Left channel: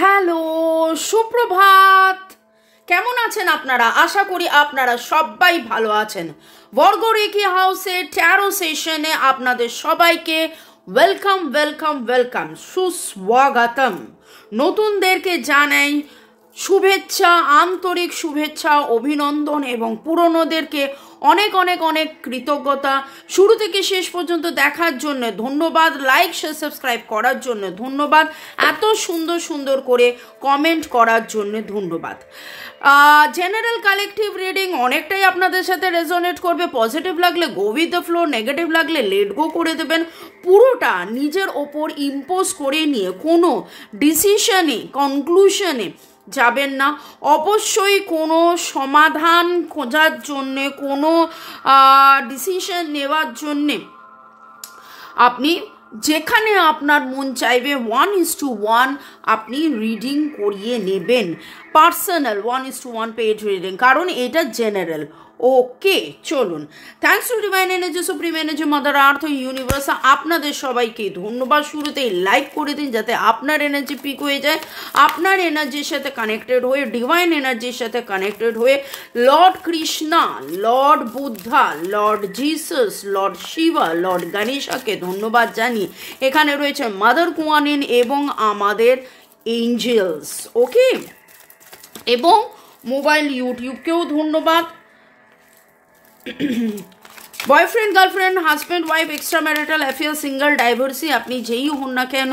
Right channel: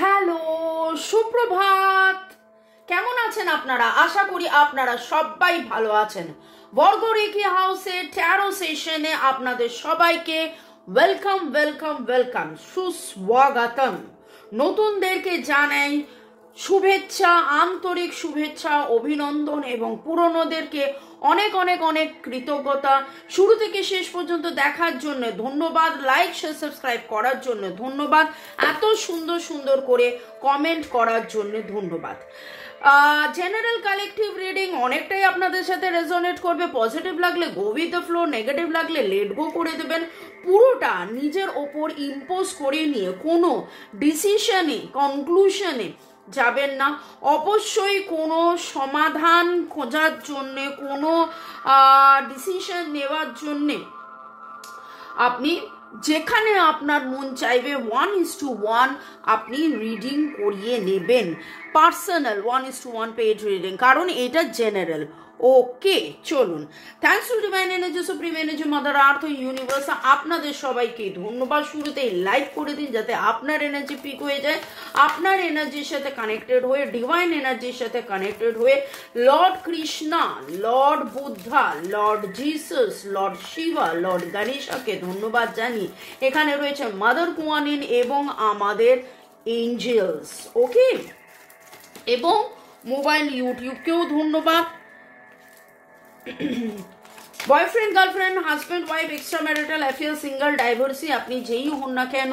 Hello, সুপ্রভাত। কেমন আছেন আপনারা? আশা করি আপনারা সবাই ভালো আছেন। বর্গ রেখি হাউসে ট্যারো সেশনে আপনাদের সবাইকে ওয়েলকাম ওয়েলকাম ওয়েলকাম, সুস্বাগতম। নতুনদেরকে জানাই শুভেচ্ছা, আন্তরিক শুভেচ্ছা, অভিনন্দন এবং পুরনোদেরকে অনেক অনেক অনেক কৃতজ্ঞতা। শুরু থেকে শেষ পর্যন্ত দেখার জন্য ধন্যবাদ, লাইক শেয়ার সাবস্ক্রাইব করার জন্য ধন্যবাদ, এত সুন্দর সুন্দর করে কমেন্ট করার জন্য ধন্যবাদ। জেনারেল কালেকটিভ রিডিং অনেকটাই আপনাদের সাথে রেজোনেট করবে। পজিটিভ লাগলে go with the flow, negative লাগলে লেট গো করে দেবেন। পুরোটা নিজের ওপর ইম্পোজ করে নিয়ে কোনো ডিসিশনে, কনক্লুশনে যাবেন না। অবশ্যই কোনো সমাধান খোঁজার জন্যে, কোনো ডিসিশন নেওয়ার জন্যে আপনি যেখানে আপনার মন চাইবে 1:1 আপনি রিডিং করিয়ে নেবেন। পার্সোনাল 1:1 পেড রিডিং, কারণ এটা জেনারেল। ওকে, চলুন। Thanks to divine energy, supreme energy, mother earth, universe, আপনাদের সবাইকে ধন্যবাদ। শুরুতেই লাইক করে দিন যাতে আপনার এনার্জি পিক হয়ে যায়। আপনার এনার্জির সাথে কানেক্টেড হয়ে, ডিভাইন এনার্জির সাথে কানেক্টেড হয়ে lord Krishna, lord Buddha, lord Jesus, lord Shiva, lord গণেশকে ধন্যবাদ জানিয়ে এখানে রয়েছে মাদার কুয়ানিন এবং আমাদের এঞ্জেলস। ওকে, এবং মোবাইল ইউটিউবকেও ধন্যবাদ। Boyfriend, girlfriend, husband, wife, extra marital affair, single, divorcee, আপনি যেই হন না কেন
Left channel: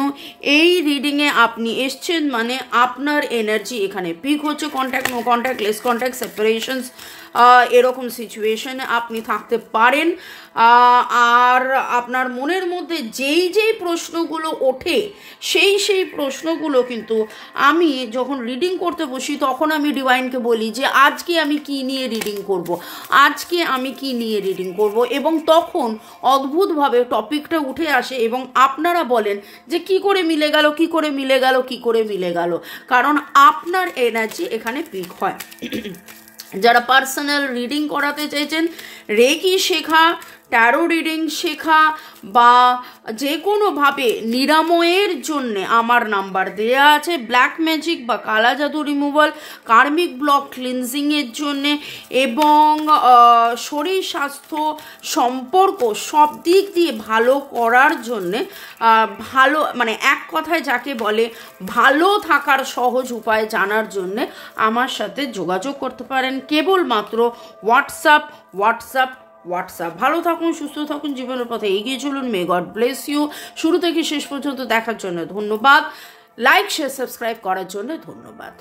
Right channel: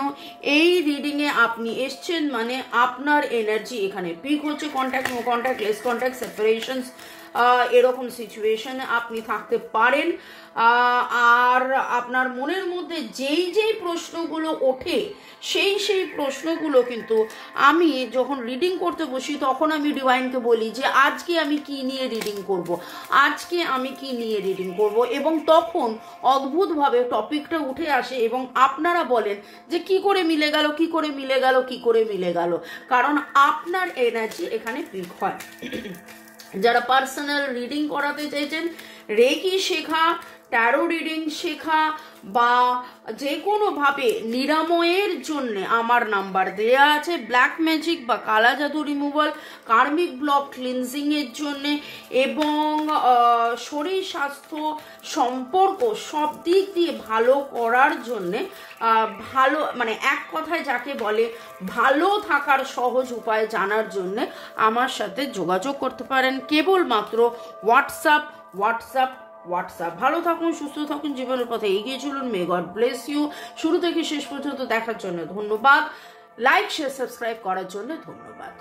এই রিডিংয়ে আপনি এসছেন মানে আপনার এনার্জি এখানে পিক হচ্ছে। Contact, no contact, less contact, separations, এরকম সিচুয়েশনে আপনি থাকতে পারেন। আর আপনার মনের মধ্যে যেই যেই প্রশ্নগুলো ওঠে সেই প্রশ্নগুলো কিন্তু আমি যখন রিডিং করতে বসি তখন আমি ডিভাইনকে বলি যে আজকে আমি কি নিয়ে রিডিং করব, আজকে আমি কি নিয়ে রিডিং করব, এবং তখন অদ্ভুতভাবে টপিকটা উঠে আসে এবং আপনারা বলেন যে কি করে মিলে গেল, কি করে মিলে গেল, কি করে মিলে গেল, কারণ আপনার এনার্জি এখানে পিক হয়। যারা পার্সোনাল রিডিং করাতে চাইছেন, রেকি শেখা, ট্যারো রিডিং শেখা বা যে কোনোভাবে নিরাময়ের জন্য আমার নাম্বার দেয়া আছে। ব্ল্যাক ম্যাজিক বা কালা জাদু রিমুভাল, কার্মিক ব্লক ক্লিনজিংয়ের জন্যে এবং শরীর স্বাস্থ্য সম্পর্ক সব দিক দিয়ে ভালো করার জন্যে, ভালো মানে এক কথায় যাকে বলে ভালো থাকার সহজ উপায় জানার জন্যে আমার সাথে যোগাযোগ করতে পারেন কেবলমাত্র হোয়াটসঅ্যাপ। ভালো থাকুন, সুস্থ থাকুন, জীবনের পথে এগিয়ে চলুন। May God bless you. শুরু থেকে শেষ পর্যন্ত দেখার জন্য ধন্যবাদ, লাইক শেয়ার সাবস্ক্রাইব করার জন্য ধন্যবাদ।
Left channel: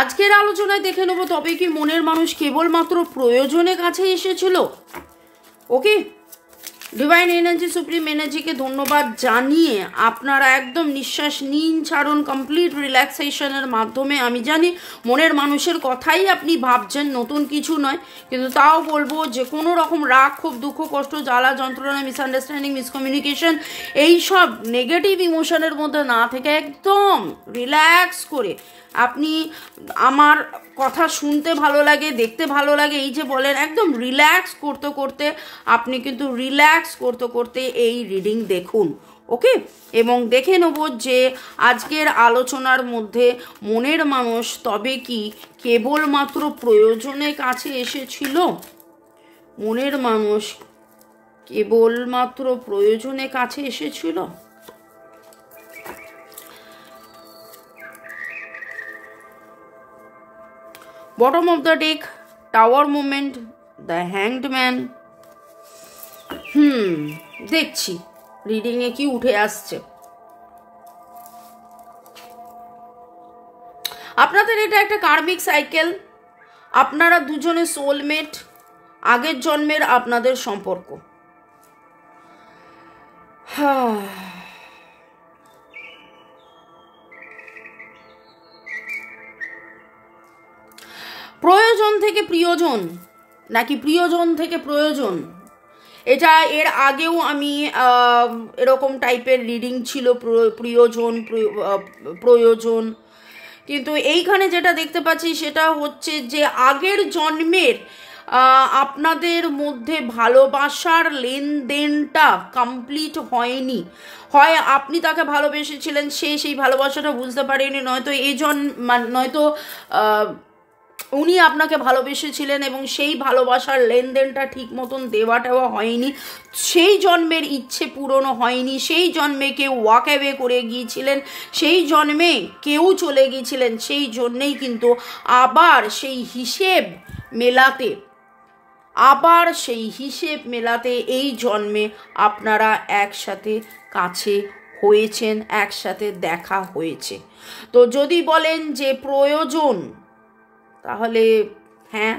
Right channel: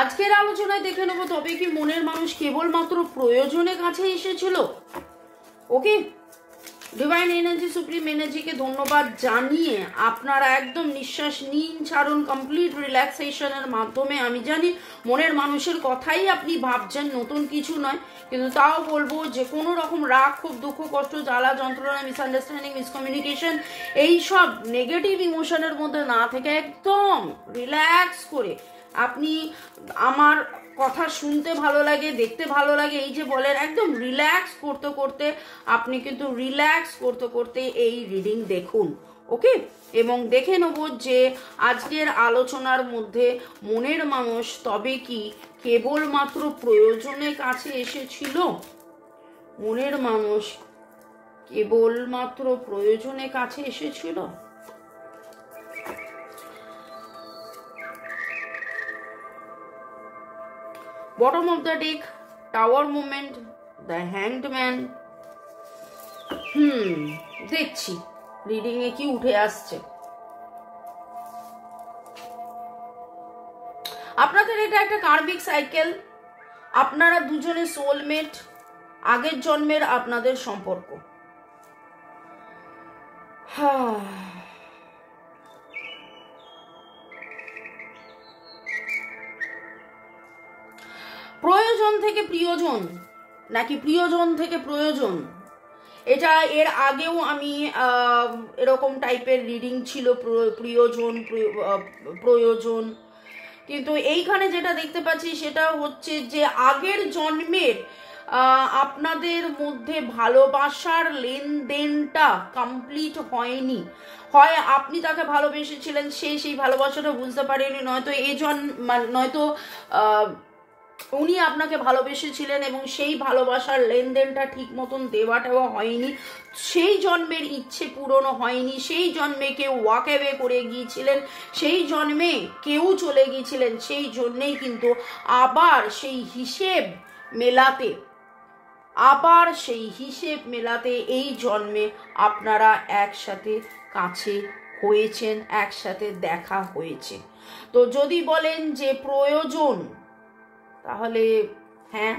আজকের আলোচনায় দেখে নেব তবে কি মনের মানুষ কেবলমাত্র প্রয়োজনের কাছে এসেছিল। ওকে, ডিভাইন এনার্জি, সুপ্রিম এনার্জিকে ধন্যবাদ জানিয়ে আপনারা একদম নিঃশ্বাস নিন, ছাড়ুন, কমপ্লিট রিল্যাক্সেশনের মাধ্যমে। আমি জানি মনের মানুষের কথাই আপনি ভাবছেন, নতুন কিছু নয়, কিন্তু তাও বলবো যে কোনো রকম রাগ, খুব দুঃখ, কষ্ট, জ্বালা, যন্ত্রণা, মিসআন্ডারস্ট্যান্ডিং, মিসকমিউনিকেশন, এইসব নেগেটিভ ইমোশনের মধ্যে না থেকে একদম রিল্যাক্স করে আপনি, আমার কথা শুনতে ভালো লাগে, দেখতে ভালো লাগে, এই যে বলেন, একদম রিল্যাক্স করতে করতে আপনি কিন্তু রিল্যাক্স করতে করতে এই রিডিং দেখুন। ওকে, এবং দেখে নেব যে আজকের আলোচনার মধ্যে মনের মানুষ তবে কি কেবলমাত্র প্রয়োজনের কাছে এসেছিল। মনের মানুষ কেবলমাত্র প্রয়োজনের কাছে এসেছিল। Bottom of the deck, tower movement, the hanged man. দেখছি রিডিং এ কি উঠে আসছে। আপনাদের এটা একটা কার্মিক সাইকেল। আপনারা দুজনে সোলমেট, আগের জন্মের আপনাদের সম্পর্ক। প্রয়োজন থেকে প্রিয়জন নাকি প্রিয়জন থেকে প্রয়োজন, এটা এর আগেও আমি এরকম টাইপের রিডিং ছিল, প্রিয়জন প্রয়োজন, কিন্তু এইখানে যেটা দেখতে পাচ্ছি সেটা হচ্ছে যে আগের জন্মের আপনাদের মধ্যে ভালোবাসার লেনদেনটা কমপ্লিট হয়নি। হয় আপনি তাকে ভালোবেসেছিলেন, সে সেই ভালোবাসাটা বুঝতে পারেনি, নয়তো নয়তো উনি আপনাকে ভালোবেসেছিলেন এবং সেই ভালোবাসার লেনদেনটা ঠিক মতন দেওয়াটাও হয়নি, সেই জন্মের ইচ্ছে পূরণ হয়নি, সেই জন্মে কেউ ওয়াক অ্যাওয়ে করে গিয়েছিলেন, সেই জন্মে কেউ চলে গিয়েছিলেন, সেই জন্যেই কিন্তু আবার সেই হিসেব মেলাতে এই জন্মে আপনারা একসাথে কাছে হয়েছেন, একসাথে দেখা হয়েছে। তো যদি বলেন যে প্রয়োজন, তাহলে হ্যাঁ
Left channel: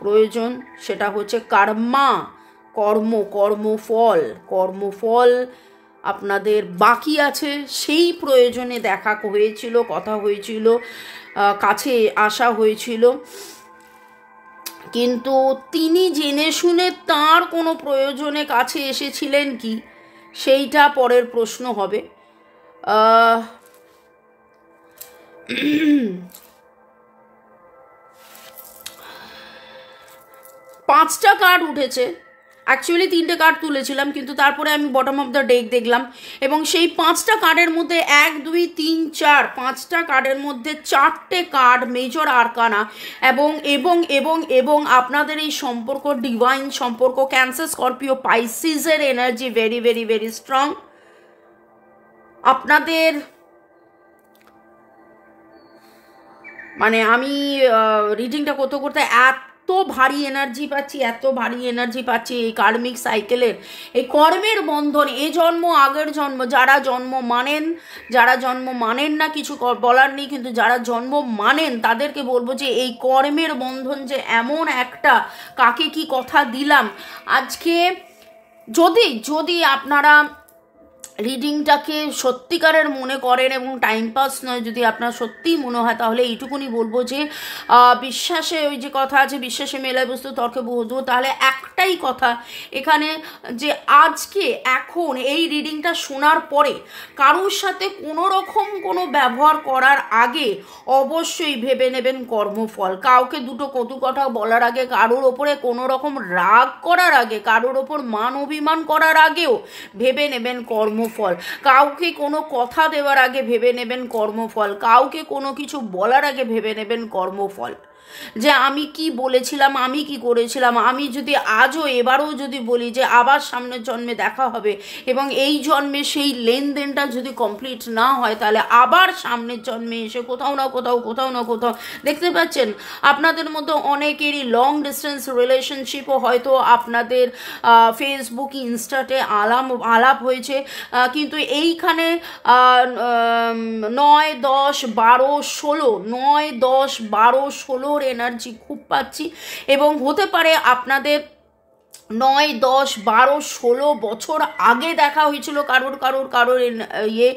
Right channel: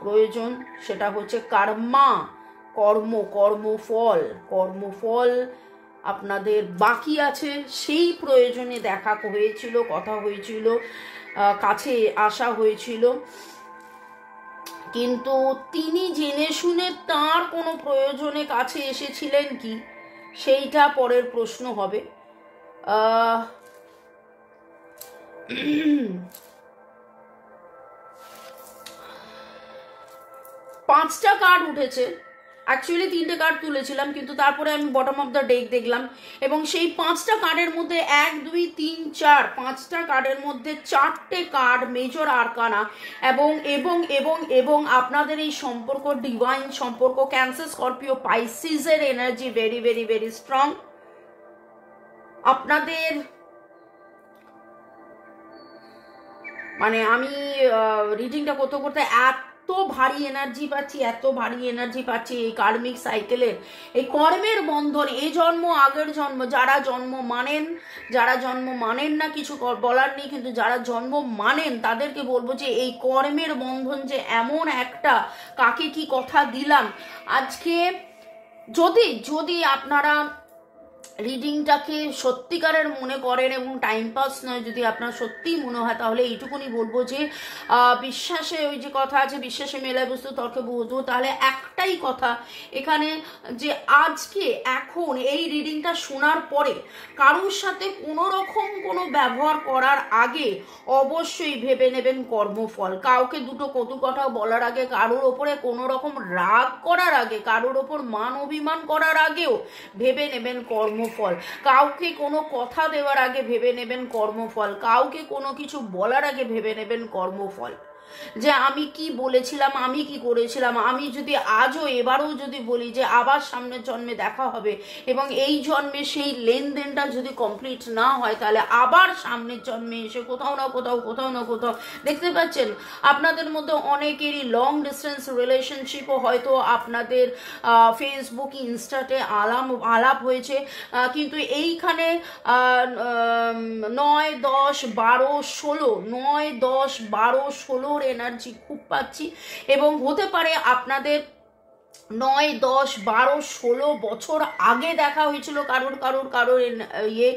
প্রয়োজন, সেটা হচ্ছে কর্মফল আপনাদের বাকি আছে। সেই প্রয়োজনে দেখা হয়েছিল, কথা হয়েছিল, কাছে আসা হয়েছিল, কিন্তু তিনি জেনে শুনে তার কোনো প্রয়োজনে কাছে এসেছিলেন কি, সেইটা পরের প্রশ্ন হবে। 5টা কার্ড উঠেছে, অ্যাকচুয়ালি 3টে কার্ড তুলেছিলাম, কিন্তু তারপরে আমি বটম অফ দ্য ডেক দেখলাম এবং সেই 5টা কার্ডের মধ্যে 1 2 3 4 5টা কার্ডের মধ্যে 4টে কার্ড মেজর আরকানা এবং এবং এবং এবং আপনাদের এই সম্পর্ক, ডিভাইন সম্পর্ক, ক্যান্সার স্করপিও পাইসিসের energy very very very strong. আপনাদের মানে আমি রিডিংটা করতে করতে এত ভারী এনার্জি পাচ্ছি এই কার্মিক সাইকেলের, এই কর্মের বন্ধন, এ জন্ম আগের জন্ম, যারা জন্ম মানেন না কিছু বলার নেই, কিন্তু যারা জন্ম মানেন তাদেরকে বলবো যে এই কর্মের বন্ধন যে এমন একটা, কাকে কি কথা দিলাম আজকে। যদি আপনারা রিডিংটাকে সত্যিকারের মনে করেন এবং টাইম পাস নয়, যদি আপনার সত্যিই মনে হয়, তাহলে এইটুকুনি বলবো যে বিশ্বাসে, ওই যে কথা আছে বিশ্বাসে মেলায় বস্তু তর্কে বহু, তাহলে একটাই কথা এখানে, যে আজকে এখন এই রিডিংটা শোনার পরে কারোর সাথে কোনো রকম কোনো ব্যবহার করার আগে অবশ্যই ভেবে নেবেন কর্মফল। কাউকে দুটো কটু কথা বলার আগে, কারোর ওপরে কোনো রকম রাগ করার আগে, কারোর ওপর মান অভিমান করার আগেও ভেবে নেবেন কর্মফল। কাউকে কোনো কথা দেওয়ার আগে ভেবে নেবেন কর্মফল। কাউকে কোনো কিছু বলার আগে ভেবে নেবেন কর্মফল, যে আমি কি বলেছিলাম, আমি কি করেছিলাম। আমি যদি আজও এবারও যদি বলি যে আবার সামনের জন্মে দেখা হবে এবং এই জন্মে সেই লেনদেনটা যদি কমপ্লিট না হয়, তাহলে আবার সামনের জন্মে এসে কোথাও না কোথাও দেখতে পাচ্ছেন আপনাদের মধ্যে অনেকেরই লং ডিস্টেন্স রিলেশনশিপও হয়তো আপনাদের ফেসবুক ইনস্টাতে আলাপ হয়েছে, কিন্তু এইখানে 9 10 12 16 9 10 12 16 এনার্জি খুব পাচ্ছি এবং হতে পারে আপনাদের 9 10 12 16 বছর আগে দেখা হয়েছিল কারোর ইয়ে,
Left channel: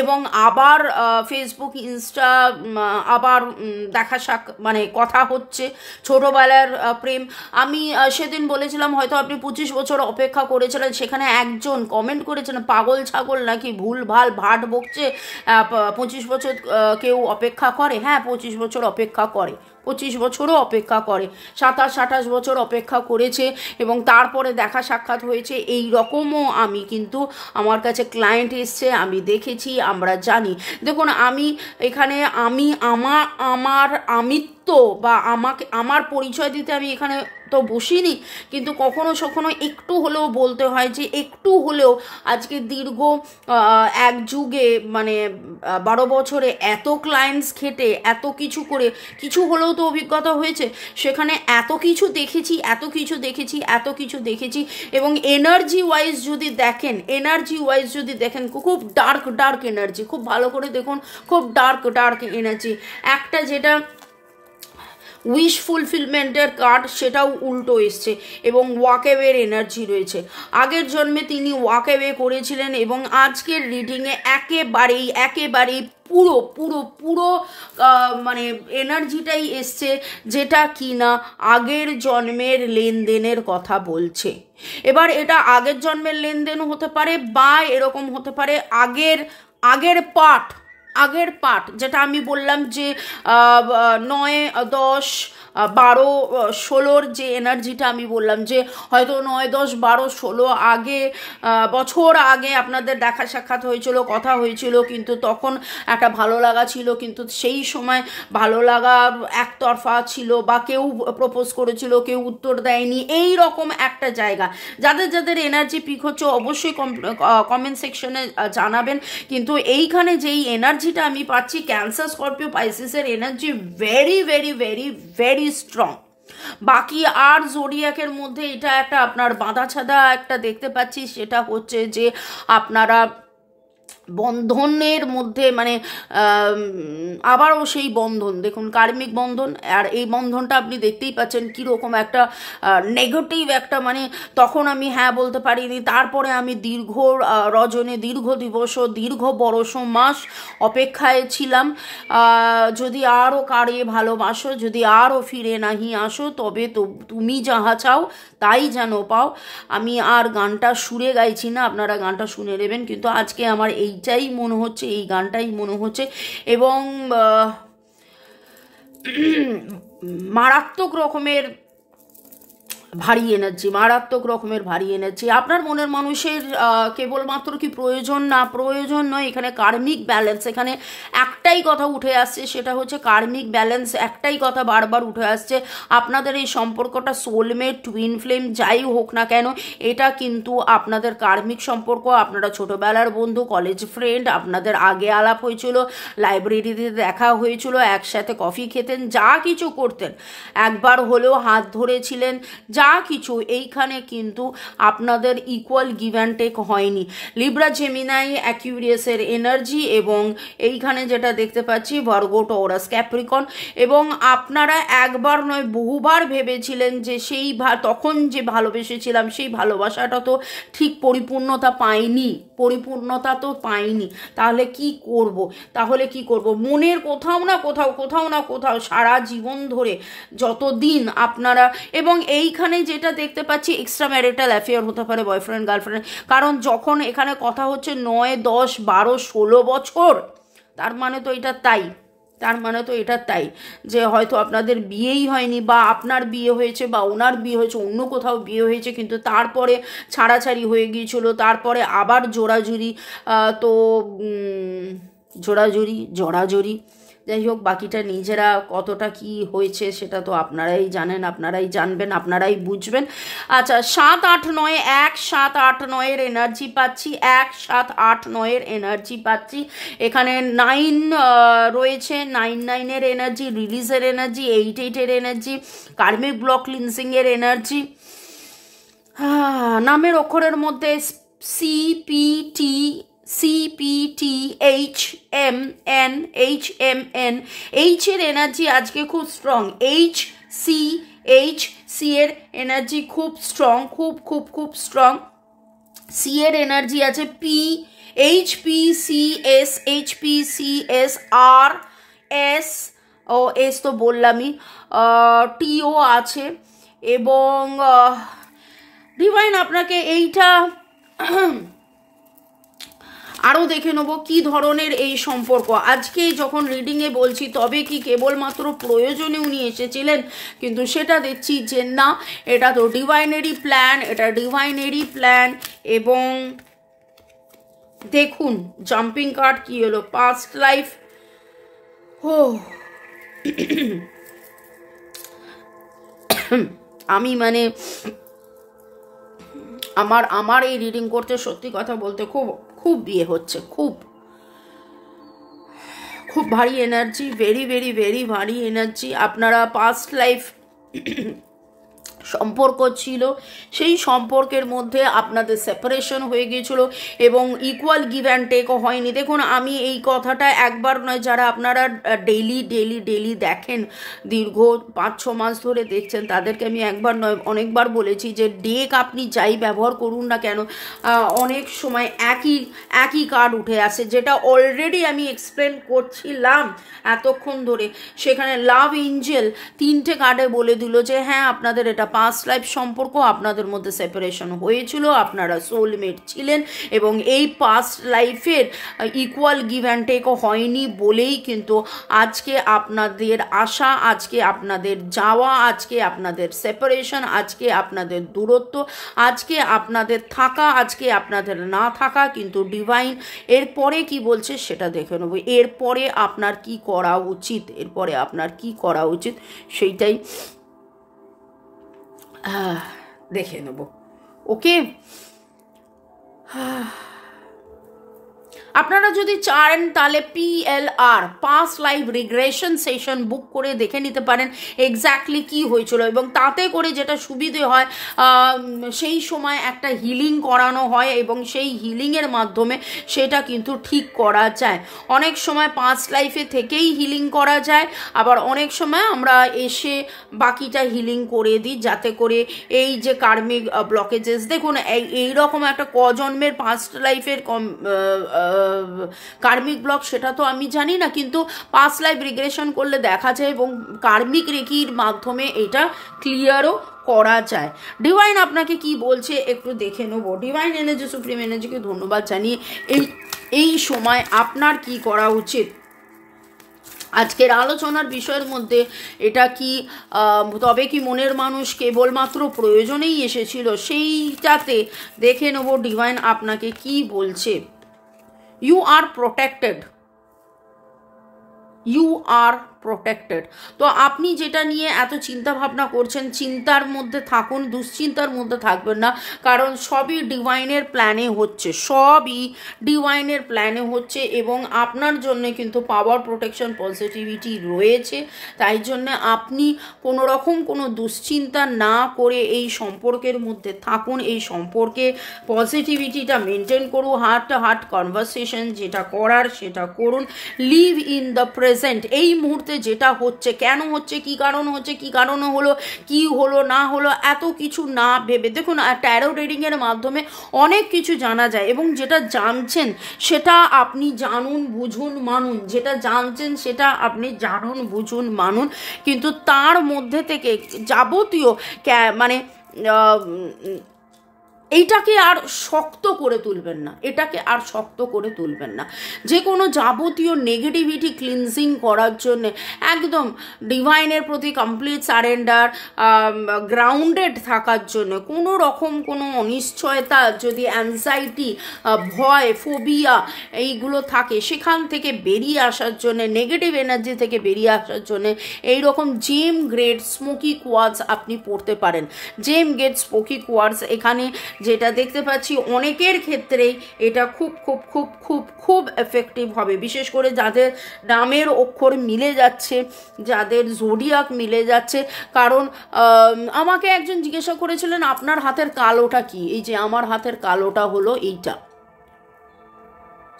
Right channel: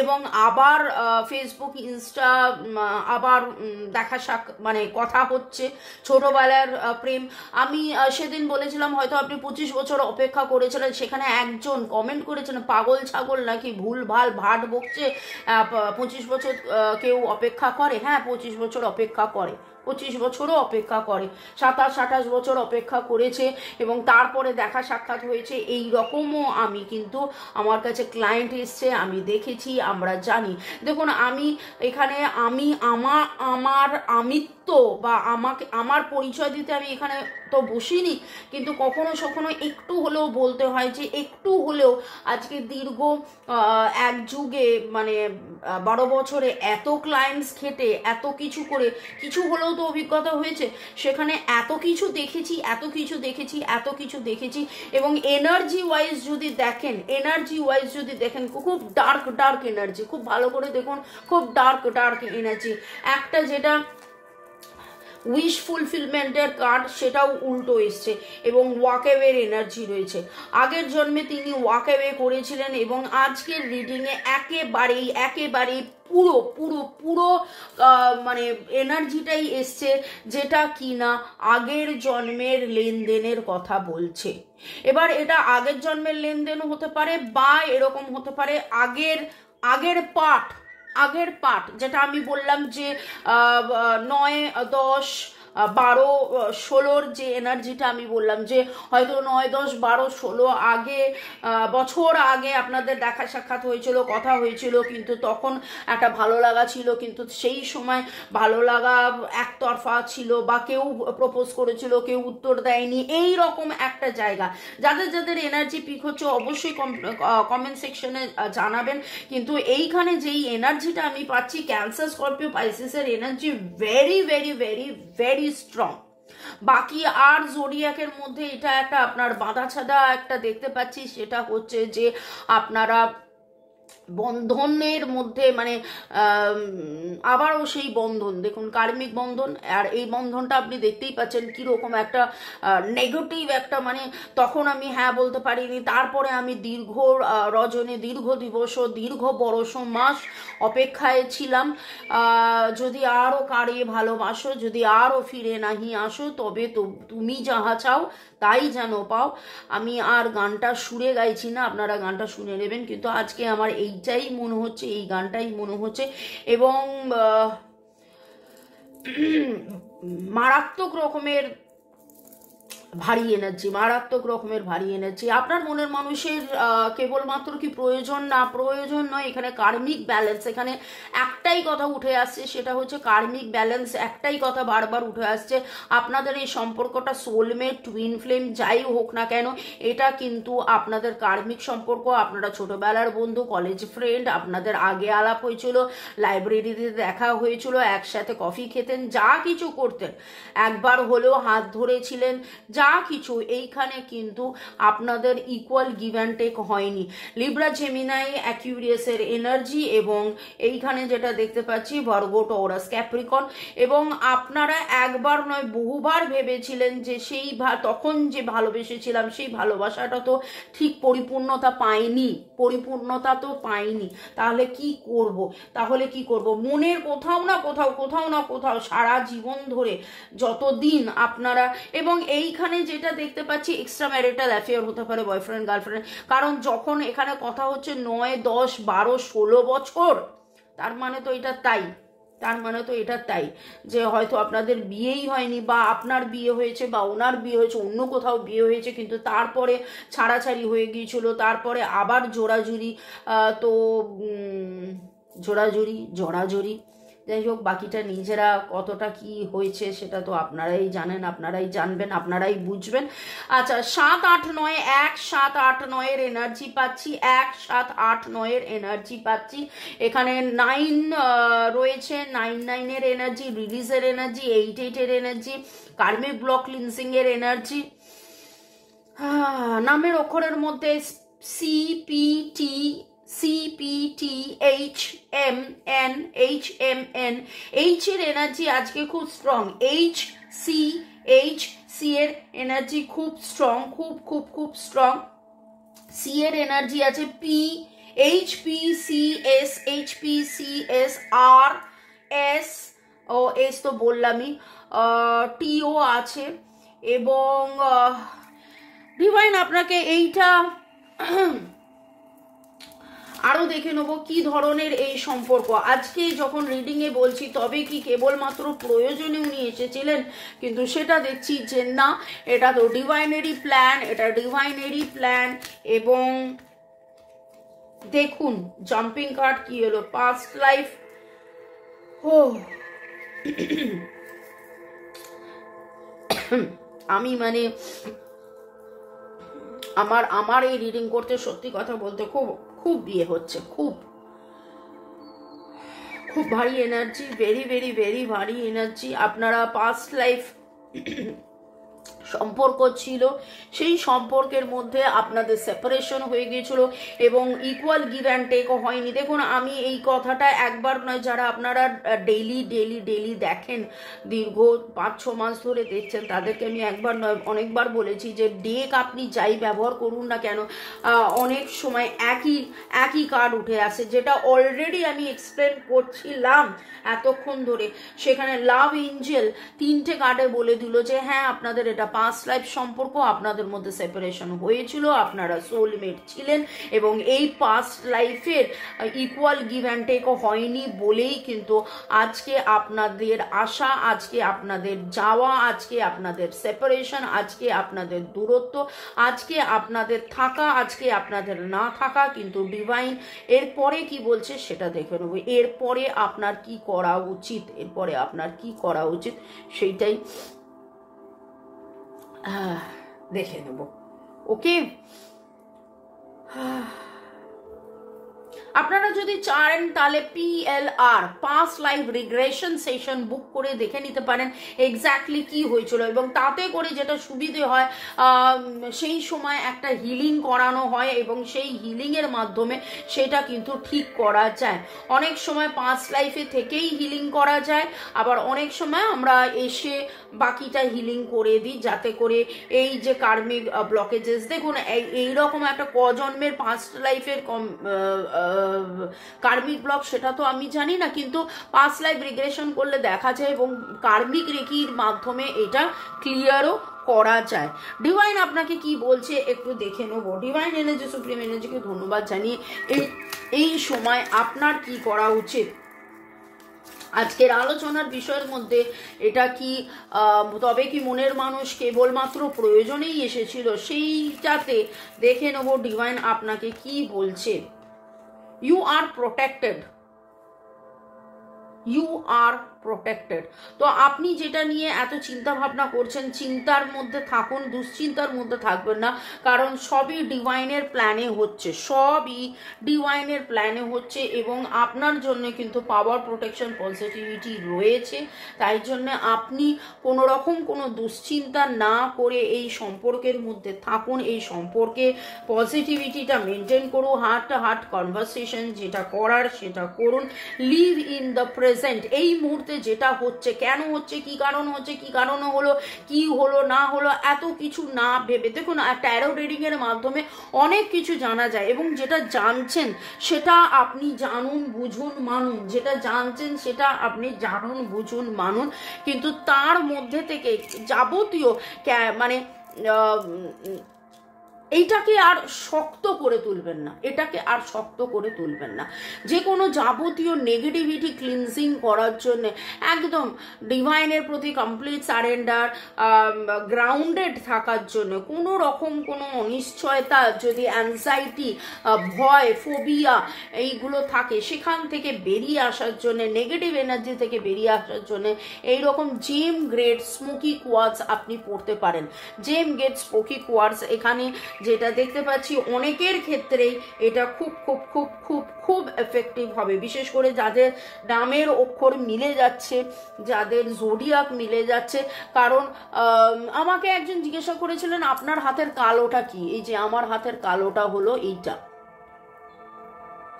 এবং আবার ফেসবুক ইনস্টা আবার দেখা মানে কথা হচ্ছে, ছোটবেলার প্রেম। আমি সেদিন বলেছিলাম হয়তো আপনি 25 বছর অপেক্ষা করেছিলেন, সেখানে একজন কমেন্ট করেছেন পাগল ছাগল নাকি ভুল ভাল ভাট বকছে, 25 বছর কেউ অপেক্ষা করে। হ্যাঁ 25 বছর অপেক্ষা করে, 25 বছরও অপেক্ষা করে, 27-28 বছর অপেক্ষা করেছে এবং তারপরে দেখা সাক্ষাৎ হয়েছে। এই রকমও আমি কিন্তু আমার কাছে ক্লায়েন্ট এসছে, আমি দেখেছি, আমরা জানি। দেখুন আমি এখানে আমার আমিত্ব বা আমার পরিচয় দিতে আমি এখানে তো বসিনি, কিন্তু কখনো একটু হলেও বলতে হয় যে একটু হলেও আজকে দীর্ঘ এক যুগে মানে 12 বছরে এত ক্লায়েন্টস খেটে এত কিছু করে কিছু হলেও তো অভিজ্ঞতা হয়েছে, সেখানে এত কিছু দেখেছি এবং এনার্জি ওয়াইজ যদি দেখেন খুব ডার্ক এনার্জি, খুব ভালো করে দেখুন, খুব ডার্ক এনার্জি। একটা যেটা উইশ ফুলফিলমেন্টের কার্ড, সেটাও উল্টো এসছে এবং ওয়াক অ্যাওয়ের এনার্জি রয়েছে। আগের জন্মে তিনি ওয়াক অ্যাওয়ে করেছিলেন এবং আজকের রিডিংয়ে একেবারেই পুরো মানে এনার্জিটাই এসছে, যেটা কিনা আগের জন্মের লেনদেনের কথা বলছে। এবার এটা আগের জন্মের লেনদেনও হতে পারে বা এরকম হতে পারে আগের পার্ট, যেটা আমি বললাম যে 9 10 12 16-র যে এনার্জিটা আমি বললাম, যে হয়তো 9 10 12 16 আগে বছর আগে আপনাদের দেখা সাক্ষাৎ হয়েছিল, কথা হয়েছিল, কিন্তু তখন একটা ভালো লাগা ছিল, কিন্তু সেই সময় ভালো লাগা একতরফা ছিল, বা কেউ প্রপোজ করেছিল, কেউ উত্তর দেয়নি, এই রকম একটা জায়গা। যাদের যাদের এনার্জি পিক হচ্ছে অবশ্যই কমেন্ট সেকশনে জানাবেন। কিন্তু এইখানে যেই এনার্জিটা আমি পাচ্ছি, ক্যান্সার স্করপিও পাইসিসের energy very very very very strong. বাকি আর জোডিয়াকের মধ্যে এটা একটা আপনার বাঁধা ছাদা একটা দেখতে পাচ্ছি, সেটা হচ্ছে যে আপনারা বন্ধনের মধ্যে মানে আবারও সেই বন্ধন, দেখুন কার্মিক বন্ধন, আর এই বন্ধনটা আপনি দেখতেই পাচ্ছেন কীরকম একটা নেগেটিভ একটা, মানে তখন আমি হ্যাঁ বলতে পারিনি, তারপরে আমি দীর্ঘ রজনী, দীর্ঘ দিবস, দীর্ঘ বরষ মাস অপেক্ষায় ছিলাম, যদি আরও কারে ভালোবাসো, যদি আরও ফিরে নাহি আসো, তবে তো তুমি যাহা চাও তাই যেন পাও। আমি আর গানটা সুরে গাইছি না, আপনারা গানটা শুনে নেবেন, কিন্তু আজকে আমার এইটাই মনে হচ্ছে, এই গানটাই মনে হচ্ছে, এবং মারাত্মক রকমের ভারী এনার্জি, মারাত্মক রকমের ভারী এনার্জি। আপনার মনের মানুষের কেবলমাত্র কি প্রয়োজন? না, প্রয়োজন নয়, এখানে কার্মিক ব্যালেন্স, এখানে একটাই কথা উঠে আসছে, সেটা হচ্ছে কার্মিক ব্যালেন্স। একটাই কথা বারবার উঠে আসছে, আপনাদের এই সম্পর্কটা সোলমেট, টুইন ফ্লেম যাই হোক না কেন, এটা কিন্তু আপনাদের কার্মিক সম্পর্ক। আপনারা ছোটবেলার বন্ধু, কলেজ ফ্রেন্ড, আপনাদের আগে আলাপ হয়েছিল, লাইব্রেরিতে দেখা হয়েছিল, একসাথে কফি খেতেন, যা কিছু করতেন, একবার হলেও হাত ধরেছিলেন, যা কিছু, এইখানে কিন্তু আপনাদের ইকুয়াল গিভ অ্যান্ড টেক হয়নি। লিব্রা, জেমিনাই, অ্যাকিউরিয়াসের এনার্জি, এবং এইখানে যেটা দেখতে পাচ্ছি ভার্গো, টরাস, ক্যাপ্রিকন, এবং আপনারা একবার নয় বহুবার ভেবেছিলেন যে সেই তখন যে ভালোবেসেছিলাম সেই ভালোবাসাটা তো ঠিক পরিপূর্ণতা পাইনি, পরিপূর্ণতা তো পাইনি, তাহলে কি করব? তাহলে কি করব? মনের কোথাও না কোথাও, কোথাও না কোথাও সারা জীবন ধরে যতদিন আপনারা, এবং এইখানে যেটা দেখতে পাচ্ছি এক্সট্রা ম্যারিটাল অ্যাফেয়ার হতে পারে, বয়ফ্রেন্ড গার্লফ্রেন্ড, কারণ যখন এখানে কথা হচ্ছে 9 10 12 16 বছর, তার মানে তো এটা তাই, তার মানে তো এটা তাই যে হয়তো আপনাদের বিয়েই হয়নি, বা আপনার বিয়ে হয়েছে, বা ওনার বিয়ে হয়েছে, অন্য কোথাও বিয়ে হয়েছে, কিন্তু তারপরে ছাড়াছাড়ি হয়ে গিয়েছিল, তারপরে আবার জোড়াজুড়ি, তো জোড়াজুড়ি, যাই হোক, বাকিটা নিজেরা কতটা কি হয়েছে সেটা তো আপনারাই জানেন, আপনারাই জানবেন, আপনারাই বুঝবেন। আচ্ছা, 7 8 9, 1 7 8 9-এর এনার্জি পাচ্ছি, 1 7 8 9-এর এনার্জি পাচ্ছি। এখানে 9 রয়েছে, 9 9-এর এনার্জি, রিলিজের এনার্জি, 8 8-এর এনার্জি, কার্মিক ব্লক ক্লিনসিংয়ের এনার্জি। নামের অক্ষরের মধ্যে CPTHMN, এইচ এর এনার্জি আজকে খুব স্ট্রং, সি এর এনার্জি খুব স্ট্রং, খুব খুব খুব স্ট্রং। সি এর এনার্জি আছে HPCS আর এস, ও এস তো বললামই, টিও আছে, এবং ডিভাইন আপনাকে এইটা আরও দেখে নেবো কি ধরনের এই সম্পর্ক। আজকে যখন রিডিংয়ে বলছি তবে কি কেবলমাত্র প্রয়োজনে উনি এসেছিলেন, কিন্তু সেটা দেখছি যে না, এটা তো ডিভাইনেরই প্ল্যান, এটা ডিভাইনেরই প্ল্যান। এবং দেখুন জাম্পিং কার্ড কি হলো, পাস্ট লাইফ। আমি মানে আমার এই রিডিং করতে সত্যি কথা বলতে খুব খুব বিয়ে হচ্ছে, খুব খুব ভারী এনার্জি, ভেরি ভেরি ভেরি ভারী এনার্জি। আপনারা পাস্ট লাইফ সম্পর্ক ছিল, সেই সম্পর্কের মধ্যে আপনাদের সেপারেশন হয়ে গিয়েছিল, এবং ইকুয়াল গিভ অ্যান্ড টেকও হয়নি। দেখুন আমি এই কথাটা একবার নয়, যারা আপনারা ডেইলি দেখেন, দীর্ঘ 5-6 মাস ধরে দেখছেন, তাদেরকে আমি একবার নয় অনেকবার বলেছি যে ডেক আপনি যাই ব্যবহার করুন না কেন, অনেক সময় একই কার্ড উঠে আসে, যেটা অলরেডি আমি এক্সপ্লেন করছিলাম এতক্ষণ ধরে। সেখানে লাভ এঞ্জেল 3টে কার্ডে বলে দিল যে হ্যাঁ আপনাদের এটা পাস্ট লাইফ সম্পর্ক, আপনাদের মধ্যে সেপারেশন হয়েছিল, আপনারা সোলমেট ছিলেন এবং এই পাস্ট লাইফের ইকুয়াল গিভ অ্যান্ড টেক হয়নি বলেই কিন্তু আজকে আপনাদের আসা, আজকে আপনাদের যাওয়া, আজকে আপনাদের সেপারেশন, আজকে আপনাদের দূরত্ব, আজকে আপনাদের থাকা, আজকে আপনাদের না থাকা। কিন্তু ডিভাইন এরপরে কি বলছে সেটা দেখে নেব। এরপরে আপনার কি করা উচিত, এরপরে আপনার কি করা উচিত সেইটাই দেখে নেব। ওকে, আপনারা যদি চান তাহলে PLR past life regression session book করে দেখে নিতে পারেন এক্স্যাক্টলি কি হয়েছিল, এবং তাতে করে যেটা সুবিধে হয় সেই সময় একটা হিলিং করানো হয় এবং সেই হিলিংয়ের মাধ্যমে সেটা কিন্তু ঠিক করা যায়। অনেক সময় পাস্ট লাইফে থেকেই হিলিং করা যায়, আবার অনেক সময় আমরা এসে বাকিটা হিলিং করে দিই, যাতে করে এই যে কার্মিক ব্লকেজেস, দেখুন এইরকম একটা কজন্মের পাস্ট লাইফের কার্মিক ব্লক সেটা তো আমি জানি না, কিন্তু পাস্ট লাইফ রিগ্রেশন করলে দেখা যায় এবং কার্মিক রেকির মাধ্যমে এটা ক্লিয়ারও করা যায়। ডিভাইন আপনাকে কি বলছে একটু দেখে নেব। ডিভাইন এনার্জি, সুপ্রিম এনার্জিকে ধন্যবাদ জানিয়ে এই সময় আপনার কি করা উচিত। আজকের আলোচনার বিষয়ের মধ্যে এটা কি তবে কি মনের মানুষ কেবলমাত্র প্রয়োজনেই এসেছিল, সেইটাতে দেখে নেব ডিভাইন আপনাকে কি বলছে। You are protected. You are protected. তো আপনি যেটা নিয়ে এত চিন্তা ভাবনা করছেন, চিন্তার মধ্যে থাকুন, দুশ্চিন্তার মধ্যে থাকবেন না, কারণ সবই ডিভাইনের প্ল্যানে হচ্ছে, সবই ডিভাইনের প্ল্যানে হচ্ছে এবং আপনার জন্য কিন্তু পাওয়ার, প্রোটেকশন, পজিটিভিটি রয়েছে। তাই জন্য আপনি কোনো রকম কোনো দুশ্চিন্তা না করে এই সম্পর্কের মধ্যে থাকুন, এই সম্পর্কে পজিটিভিটিটা মেনটেন করুন, হার্ট টু হার্ট কনভারসেশন যেটা করার সেটা করুন, লিভ ইন দ্য প্রেজেন্ট। এই মুহূর্তে যেটা হচ্ছে, কেন হচ্ছে, কি কারণ হচ্ছে, কি কারণে হলো, কি হলো না হলো, এত কিছু না ভেবে, দেখুন ট্যারো রিডিং এর মাধ্যমে অনেক কিছু জানা যায় এবং যেটা জানছেন সেটা আপনি জানুন, বুঝুন, মানুন। যেটা জানছেন সেটা আপনি জানুন, বুঝুন, মানুন, কিন্তু তার মধ্যে থেকে যাবতীয় মানে এইটাকে আর শক্ত করে তুলবেন না, এটাকে আর শক্ত করে তুলবেন না। যে কোনো যাবতীয় নেগেটিভিটি ক্লিনজিং করার জন্য একদম ডিভাইনের প্রতি কমপ্লিট সারেন্ডার, গ্রাউন্ডেড থাকার জন্য কোনো রকম কোনো অনিশ্চয়তা, যদি অ্যাংজাইটি, ভয়, ফোবিয়া এইগুলো থাকে সেখান থেকে বেরিয়ে আসার জন্য, নেগেটিভ এনার্জি থেকে বেরিয়ে আসার জন্য এইরকম জেম গ্রেড স্মোকি কোয়ার্টজ আপনি পড়তে পারেন। জেম গ্রেড স্মোকি কোয়ার্টজ এখানে যেটা দেখতে পাচ্ছি অনেকের ক্ষেত্রেই এটা খুব খুব খুব খুব খুব এফেক্টিভ হবে, বিশেষ করে যাদের নামের অক্ষর মিলে যাচ্ছে, যাদের জোডিয়াক মিলে যাচ্ছে। কারণ আমাকে একজন জিজ্ঞাসা করেছিলেন আপনার হাতের কালোটা কি, এই যে আমার হাতের কালোটা হলো এইটা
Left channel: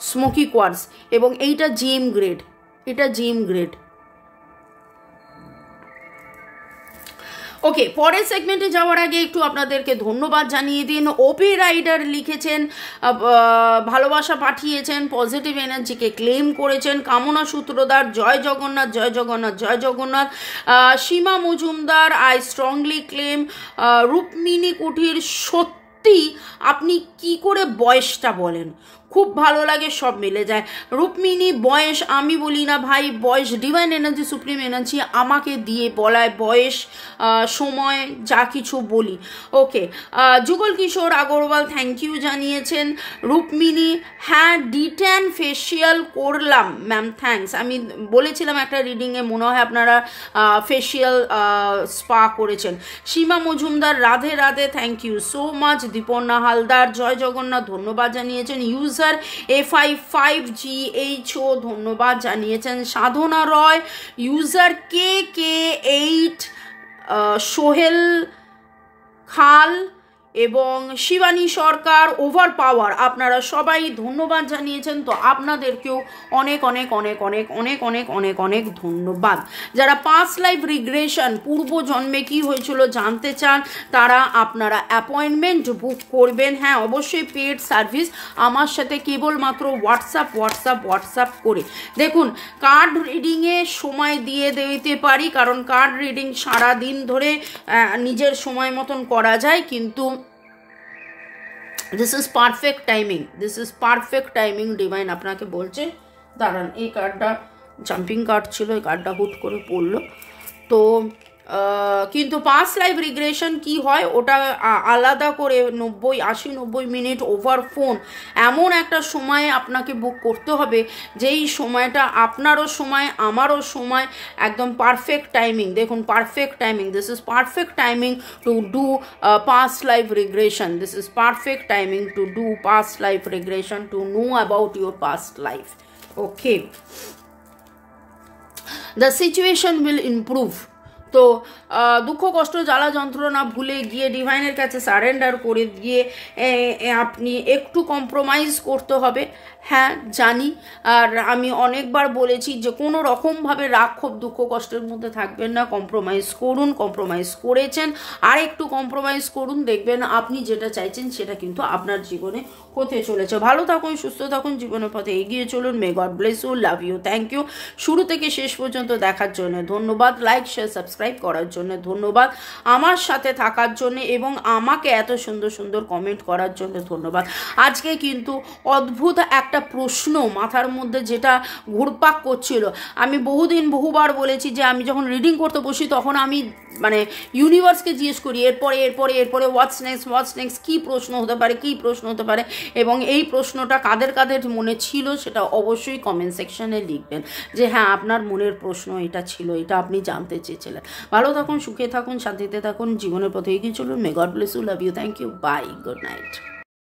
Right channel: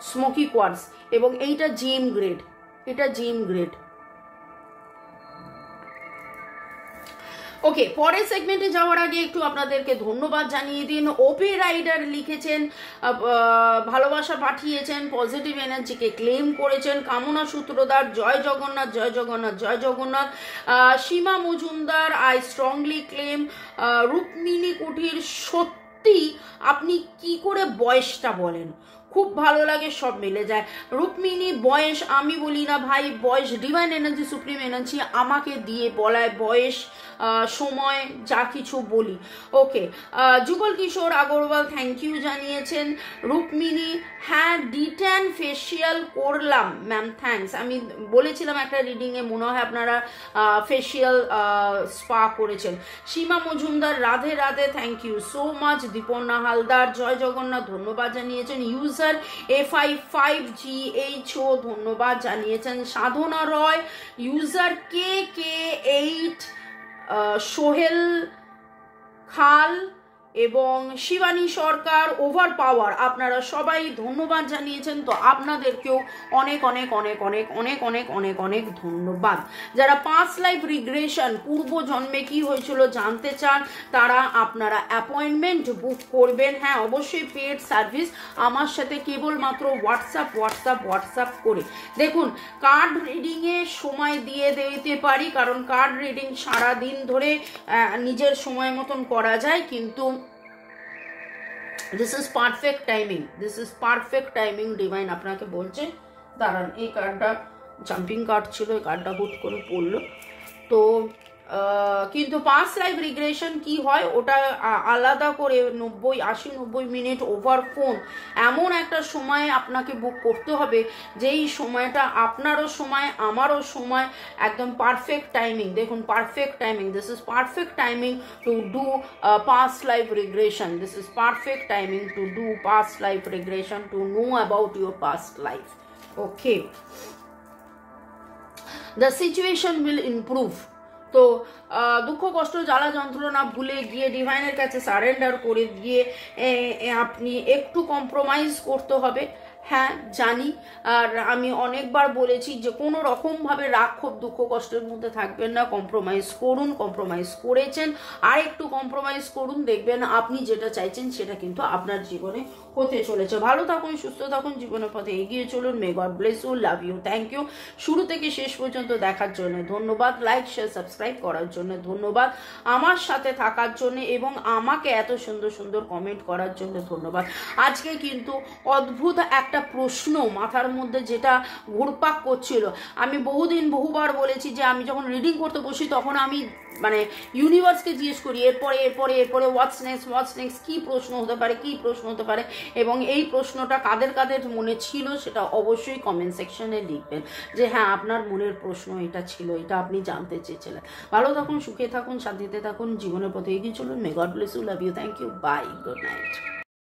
স্মোকি কোয়ার্টজ এবং এইটা জেম গ্রেড, এটা জেম গ্রেড। ওকে, পরের সেগমেন্টে যাওয়ার আগে একটু আপনাদেরকে ধন্যবাদ জানিয়ে দিন। ওপি রাইডার লিখেছেন, ভালোবাসা পাঠিয়েছেন, পজিটিভ এনার্জিকে ক্লেম করেছেন। কামনা সূত্রধার, জয় জগন্নাথ, জয় জগন্নাথ, জয় Jagannath. Seema Majumdar, I strongly claim. Rukmini Kuthir, সত্যি আপনি কি করে বয়সটা বলেন, খুব ভালো লাগে, সব মিলে যায়। রুক্মিণী, বয়স আমি বলি না ভাই, বয়স ডিভাইন এনার্জি, সুপ্রিম এনার্জি আমাকে দিয়ে বলায় বয়স, সময়, যা কিছু বলি। ওকে, যুগল কিশোর আগরওয়াল থ্যাংক ইউ জানিয়েছেন। রুক্মিণী, হ্যাঁ ডিটেন ফেসিয়াল করলাম ম্যাম, থ্যাঙ্কস। আমি বলেছিলাম একটা রিডিংয়ে, মনে হয় আপনারা ফেসিয়াল স্পা করেছেন। Seema Majumdar, Radhe Radhe, thank you so much. Diparna Haldar, জয় জগন্নাথ, ধন্যবাদ জানিয়েছেন। ইউজার A55GHO ধন্যবাদ জানিয়েছেন। সাধনা রয়, ইউজার KK8, সোহেল খাল, এবং শিবানী সরকার, ওভার পাওয়ার, আপনারা সবাই ধন্যবাদ জানিয়েছেন, তো আপনাদেরকেও অনেক অনেক অনেক অনেক অনেক অনেক অনেক অনেক ধন্যবাদ। যারা পাস্ট লাইফ রিগ্রেশন, পূর্ব জন্মে কি হয়েছিল জানতে চান, তারা আপনারা অ্যাপয়েন্টমেন্ট বুক করবেন। হ্যাঁ, অবশ্যই পেড সার্ভিস, আমার সাথে কেবলমাত্র হোয়াটসঅ্যাপ করে। দেখুন, কার্ড রিডিংয়ে সময় দিয়ে দিতে পারি, কারণ কার্ড রিডিং সারাদিন ধরে নিজের সময় মতন করা যায়, কিন্তু this is perfect timing divine আপনাকে বলছে। দাঁড়ান, এই কার্ডটা জাম্পিং কার্ড ছিল, এই কার্ডটা হুট করে পড়লো। তো কিন্তু পাস্ট লাইফ রিগ্রেশন কি হয় ওটা আলাদা করে 80-90 মিনিট ওভার ফোন এমন একটা সময়ে আপনাকে বুক করতে হবে, যেই সময়টা আপনারও সময় আমারও সময়, একদম পারফেক্ট টাইমিং। দেখুন, perfect timing, this is perfect timing to do past life regression, this is perfect timing to do past life regression, to know about your past life. Okay, the situation will improve. তো দুঃখ কষ্ট জ্বালা যন্ত্রণা ভুলে গিয়ে ডিভাইনের কাছে surrender করে গিয়ে আপনি একটু কম্প্রোমাইজ করতে হবে। হ্যাঁ জানি, আর আমি অনেকবার বলেছি যে কোনো রকমভাবে রাগ ক্ষোভ দুঃখ কষ্টের মধ্যে থাকবেন না, কম্প্রোমাইজ করুন, কম্প্রোমাইজ করেছেন, আর একটু কম্প্রোমাইজ করুন, দেখবেন আপনি যেটা চাইছেন সেটা কিন্তু আপনার জীবনে হতে চলেছে। ভালো থাকুন, সুস্থ থাকুন, জীবনের পথে এগিয়ে চলুন। May God bless you, love you, thank you. শুরু থেকে শেষ পর্যন্ত দেখার জন্য ধন্যবাদ, লাইক শেয়ার সাবস্ক্রাইব করার জন্য ধন্যবাদ, আমার সাথে থাকার জন্য এবং আমাকে এত সুন্দর সুন্দর কমেন্ট করার জন্য ধন্যবাদ। আজকে কিন্তু অদ্ভুত একটা প্রশ্ন মাথার মধ্যে যেটা ঘুরপাক করছিল, আমি বহুবার বলেছি যে আমি যখন রিডিং করতে বসি তখন আমি মানে ইউনিভার্সকে জিজ্ঞেস করি এরপরে হোয়াটস নেক্সট, কী প্রশ্ন হতে পারে, এবং এই প্রশ্নটা কাদের মনে ছিল সেটা অবশ্যই কমেন্ট সেকশনে লিখবেন যে হ্যাঁ আপনার মনের প্রশ্ন এটা ছিল, এটা আপনি জানতে চেয়েছিলেন। ভালো থাকুন, সুখে থাকুন, শান্তিতে থাকুন, জীবনের পথে এগিয়ে চলুন। May God bless you, love you, thank you, bye, good night.